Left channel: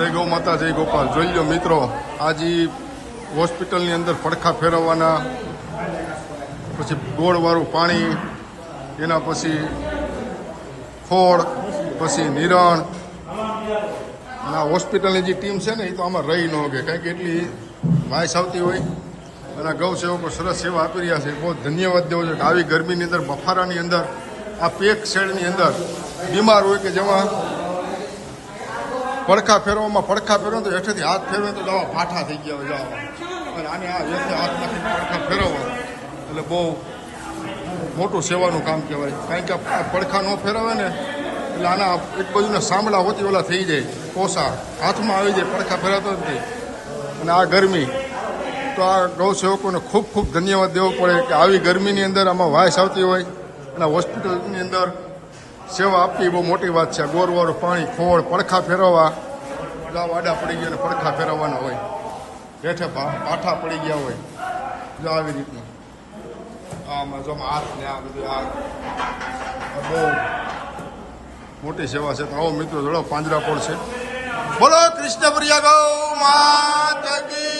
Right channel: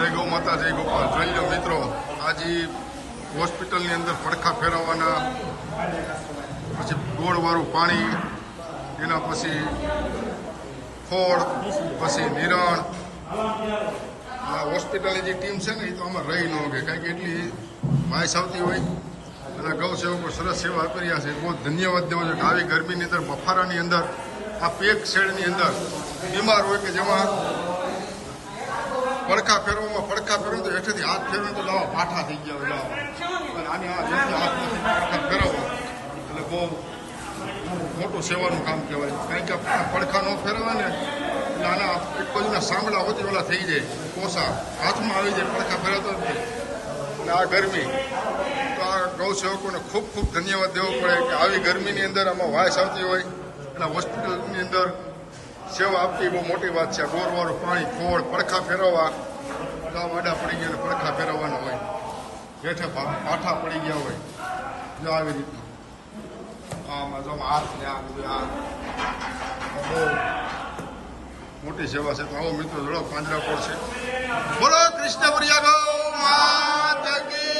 જય ગૌ માતા જય ગોપાલ. જોઈ લો મિત્રો, આજે હોસ્પિટલની અંદર પડખા ફેરવવાના, પછી ગોળવાળું પાણી, એના પછી ખોળ, પછી નિરણ. આ હોસ્પિટલની જે ટીમ છે ને એ તો આમાં રહી ન હોગે, કારણ કે એટલી વાયસ આવતી હોય અને ગૌ સેવકો સરસ સેવા આપી રહ્યા છે. બહુ ધન્યવાદ દેવો છે કે આવી ગરમીની અંદર, બફારાની અંદર, આ પેક શેડની અંદર બીમાર હોય કે જેવા પડખા ફેરવો તો હેઠેથી હાથ ફેરવે તો દવા પાઠા થઈ ગયા હોય અને આને આ વ્યક્તિ હાથમાંથી પડખા ફેરવો એટલે બહુ મોટું સેવાનું કામ કહેવાય. કારણ કે આ પડખા ન ફેરવે ને એટલે આના એક બાજુના સાંભળા હોતી ઓલા થઈ જાય, કોસા હાથમાં આવી જાય, પડખા ફેરવતો નથી. અને આ ગરમી તો આ ગૌ સેવકોને ખૂબ ખૂબ ધન્યવાદ દેવો પડે કે આવી ગરમીની અંદર આમાં વાયસ આવતી હોય અને હોસ્પિટલની અંદર સેવા આપવી બહુ મોટી વાત છે. ગોરવાળું પાણી, ખોળ, પડખા ફેરવવા, ગાવ આડા પડી ગયા અને પડખા ફેરવવાના હોય, હેઠે પાઠા પડી ગયા હોય, જો આવી રીતનું આમાં જો હાથ ને આ બધું આ બહુ મોટી સેવા છે. તો આવો મિત્રો જોડો પાંજરા પડશે. બોલો કૃષ્ણ પ્રિયા ગૌ માતા કી.